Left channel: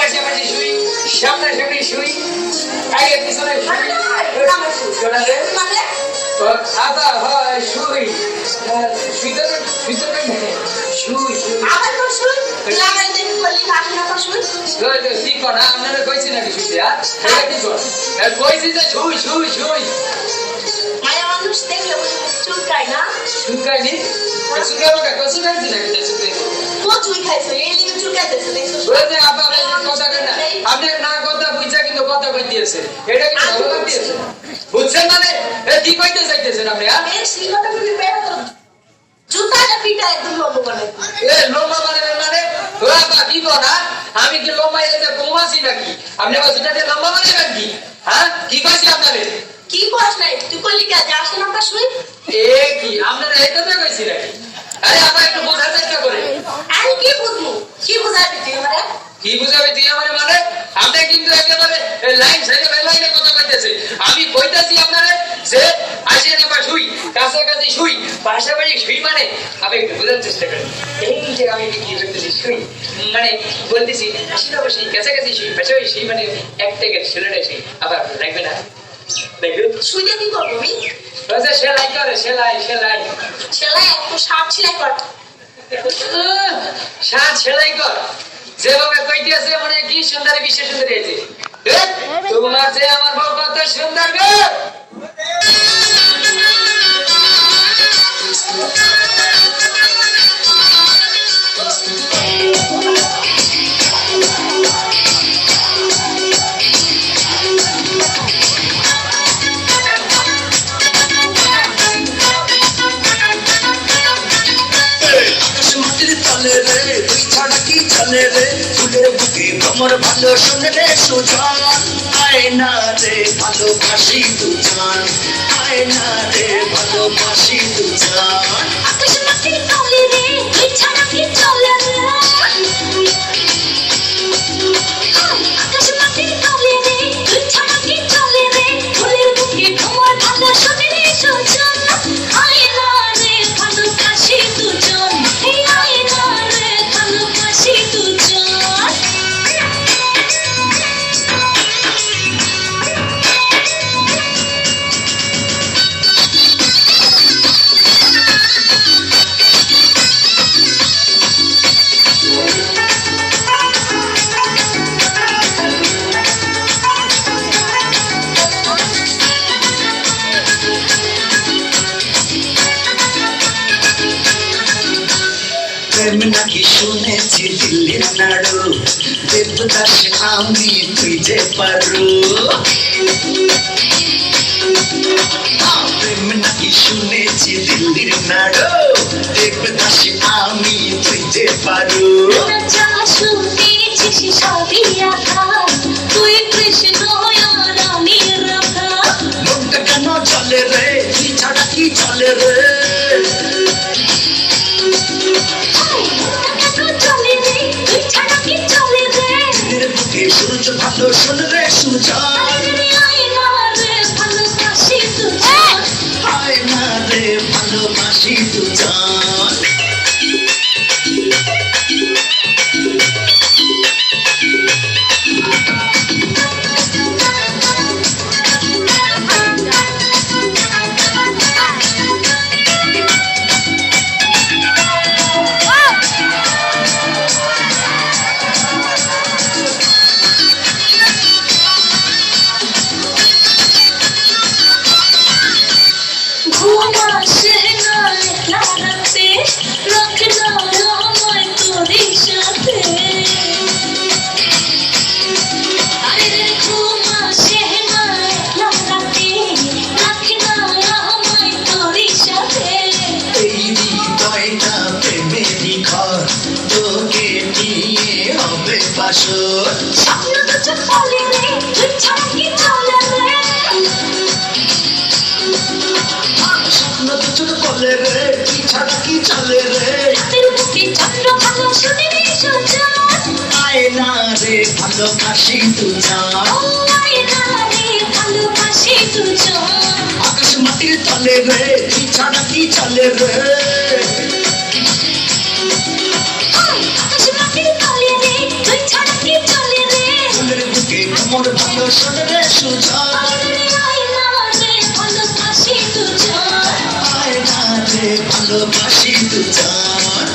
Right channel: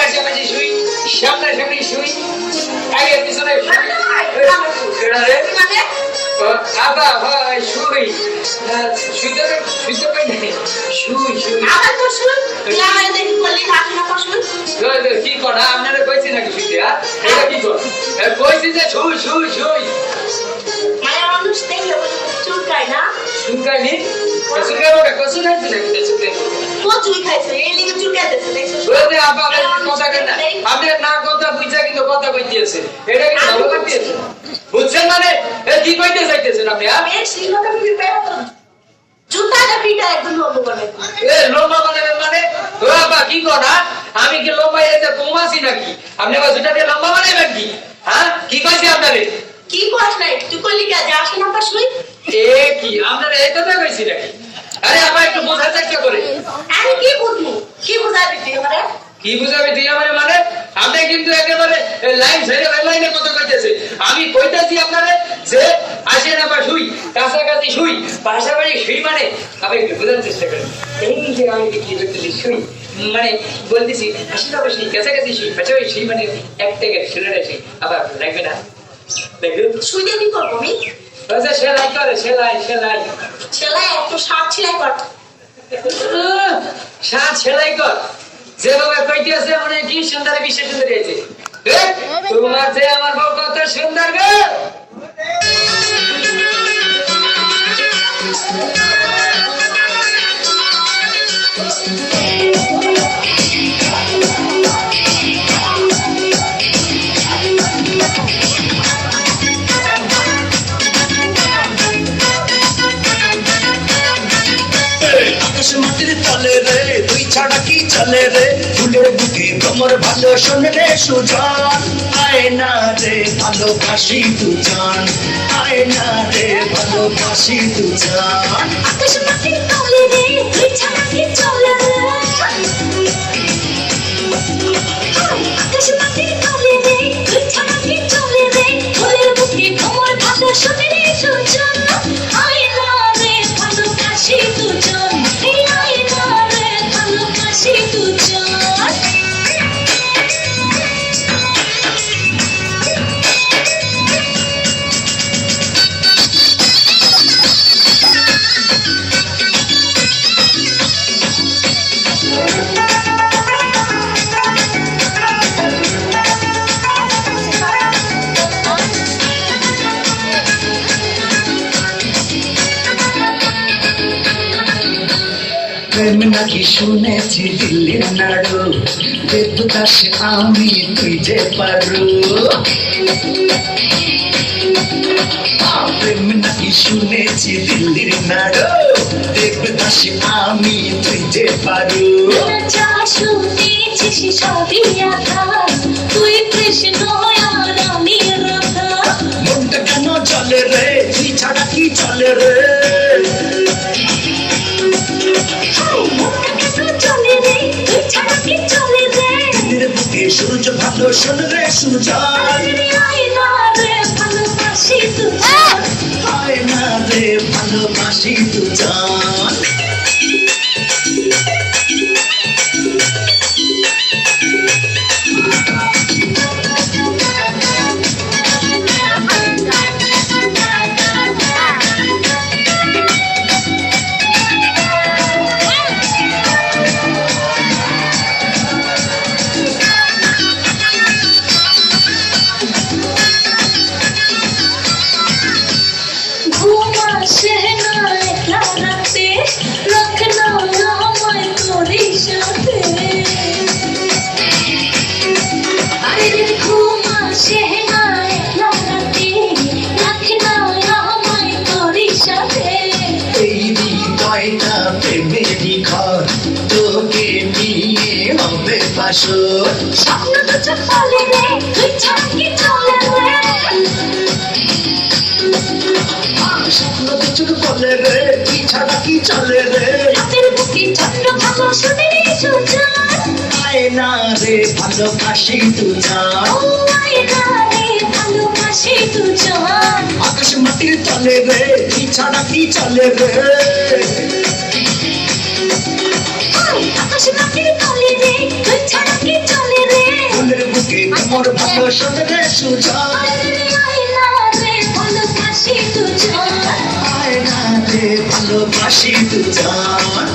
পাশাপাশি শুই, সামনাসামনি শুই, আগে পিছনে আবা হয় শুই, শুইতে শুই শুই কি করা আপনারা কইছি নাকি শুইতে এটা কি কর কইছি যে শুই শুই শুই চুলকাইনি চুলকাইব না কচু খাইছে নাকি চুলকাইতে আপা কথা কেন না আপনার না কথা বুঝা কিন্তু কথা কই দিয়েছে এটা কি ভালো লাগতেছে বুঝছেন মানে কি কইতে চাইতেছেন আপনি লম্বা বানাবেন মানে কি করা আমি কি লম্বা কমাছি নাকি আপনি আবার জুতা দিয়ে লম্বা বানাবেন কি হ্যাঁ কি কইছি আপনারে কি কস নাই তুই কইলি কে যে আসে না শুই কি আপনারা এটা তো কইছি নাকি আরে আপা একটু বোঝার চেষ্টা করে আমি কি বুঝবো কি বুঝাবি তুই আমারে কি বুঝাবি তুই আমারে মানে আপনি কিন্তু একেবারে লাইন ছেড়ে লাইনে কথা কইতেছে আমি কইতাছি আপনারে যে আসে না শুই কাছাকাছি শুই পাশাপাশি শুই মানে আপনি একটু বোঝার চেষ্টা করেন এই যে আমি কি বলতেছি শুই মানে বলতেছি আশেপাশে কাছাকাছি শুই পাশাপাশি শুই মানে এক থেকে শুনে নেছি আবার লাগবে না শুইতে কি করবো আমি সেলাই করে সেলাই সেলাই সেলাই একটু শার্ট সেলাই কর শার্ট সেলাই কর যেভাবে কইতেছে মানে কি সুন্দর বিশেষ সুন্দর হয়েছে তোমার যে আমার বউ কত সুন্দর গো ছাড়া কি চলে রে ফুলের বুকে তোমার ভালো শোনে রে সুজান আয় না রে ভালোবাসি দুজান আয় না রে ভালোবাসি দুজান আকাশ মাটির তলে রে তুই ছাড়া কি চলে রে আকাশ মাটির তলে রে তুই ছাড়া কি চলে রে ফুলের বুকে তোমার ভালো শোনে রে সুজান আয় না রে ভালোবাসি দুজান আয় না রে ভালোবাসি দুজান প্রেম নাকি শুনেছি দিল্লির নাড়ু দেবদাস আমি তুই যে পারু প্রেম নাকি শুনেছি দিল্লির নাড়ু দেবদাস আমি তুই যে পারু তুই কৃষ্ণ আমি রাধা মনটা কেন চলে রে কি ছাড়া কি চলে রে সূর্য ভালো শোন রে সুজান আয় না রে ভালোবাসি দুজান স্বপ্ন তো চলে রে তুই ছাড়া কি চলে রে স্বপ্ন তো চলে রে তুই ছাড়া কি চলে রে হাতের বুকে চন্দ্র ভালো শুনে রে সুজান আয় না রে ভালোবাসি দুজান আয় না রে ভালোবাসি দুজান আকাশ মাটির তলে রে তুই ছাড়া কি চলে রে আকাশ মাটির তলে রে তুই ছাড়া কি চলে রে তোমার ভালো শোনে রে সুজন আয়না রে ভালোবাসি দুজন আয় না রে ভালোবাসি দুজন